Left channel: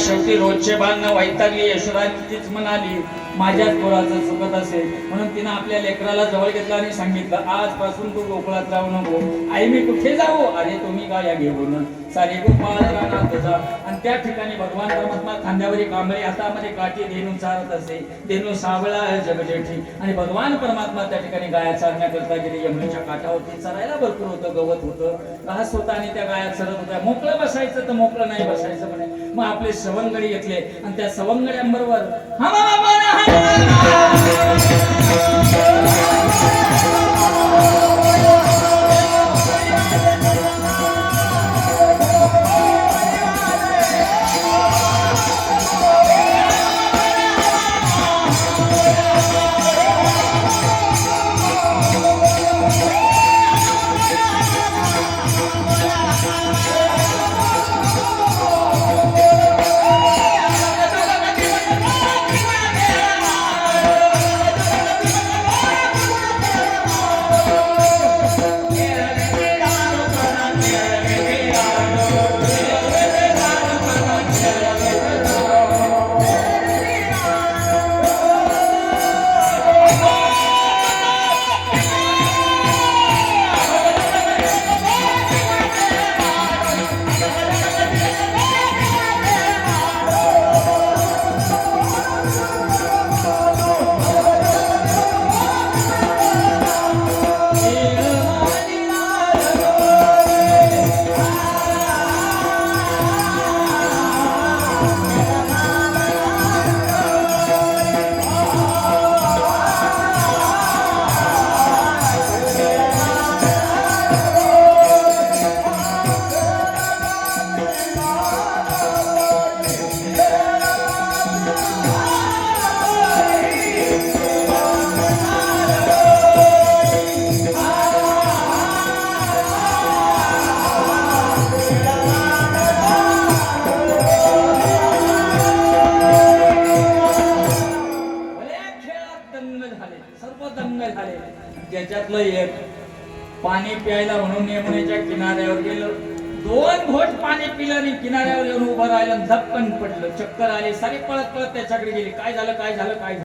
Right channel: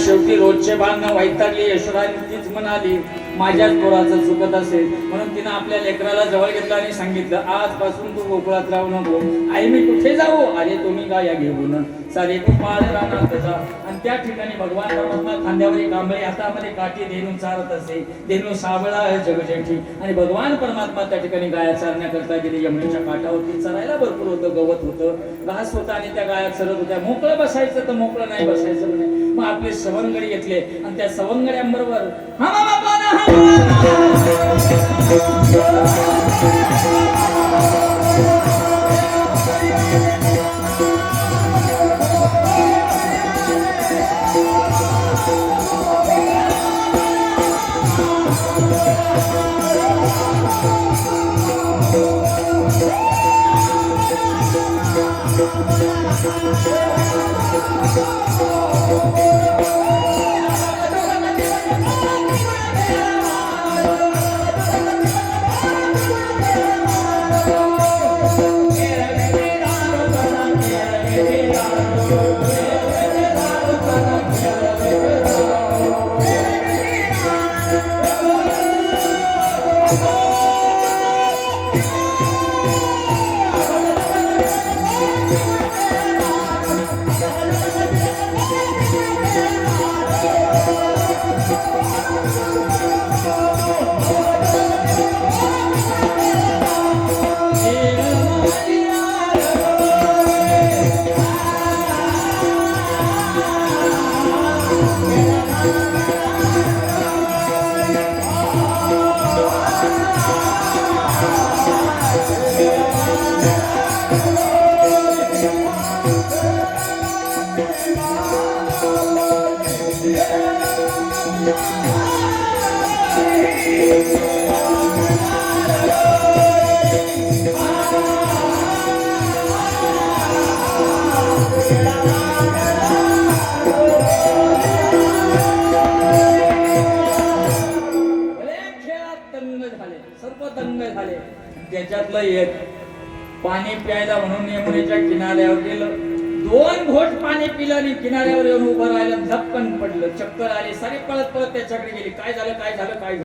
शेवटी रोजचे बांधणं वैतागली यशोदानी तीच म्हणाली माझ्याच पोराचं चुकत असेल. म्हणून तिनं आपल्या लेकराला जवळ घेतलं आणि सांगितलं आजपासून तू गोकुळात राहू नको. आई मी कुठे जाऊ? अरे तुम्ही का या घेऊन. सारे तू बाळ राहणार जा. आणि त्या ठिकाणी भगवान परमात्मा खांद्यावरी कांबळे हातामध्ये काठी देणू चालत असे. देणू सावळा जगजेठी. आणि भगवान परमात्मा त्या ठिकाणी गाया चालण्याकरता गेले. यमुनेच्या काठावरती चालायला भरपूर होतं गवत होतं. घास होतं आणि त्या गाया चरत होत्या. मोकळं बसायचं तर मोकळं नाही बसायचं म्हणे. मग आपले सवंगडी घेतले. आणि त्या सवंगड्यांबरोबर हा मा मा झाले. सर्व दंग झाले. त्याच्यातलं एक पाणी प्यायला म्हणून यमुनेच्या किनाऱ्यावर गेलं. दोन घोट पाणी पिलं किनाऱ्यावर येऊन उभं राहिलं झपकन पडलं. चक्कर आले. सारी पळत पळत त्याच्याकडे गेली. काय झालं? काय झालं? काय झालं?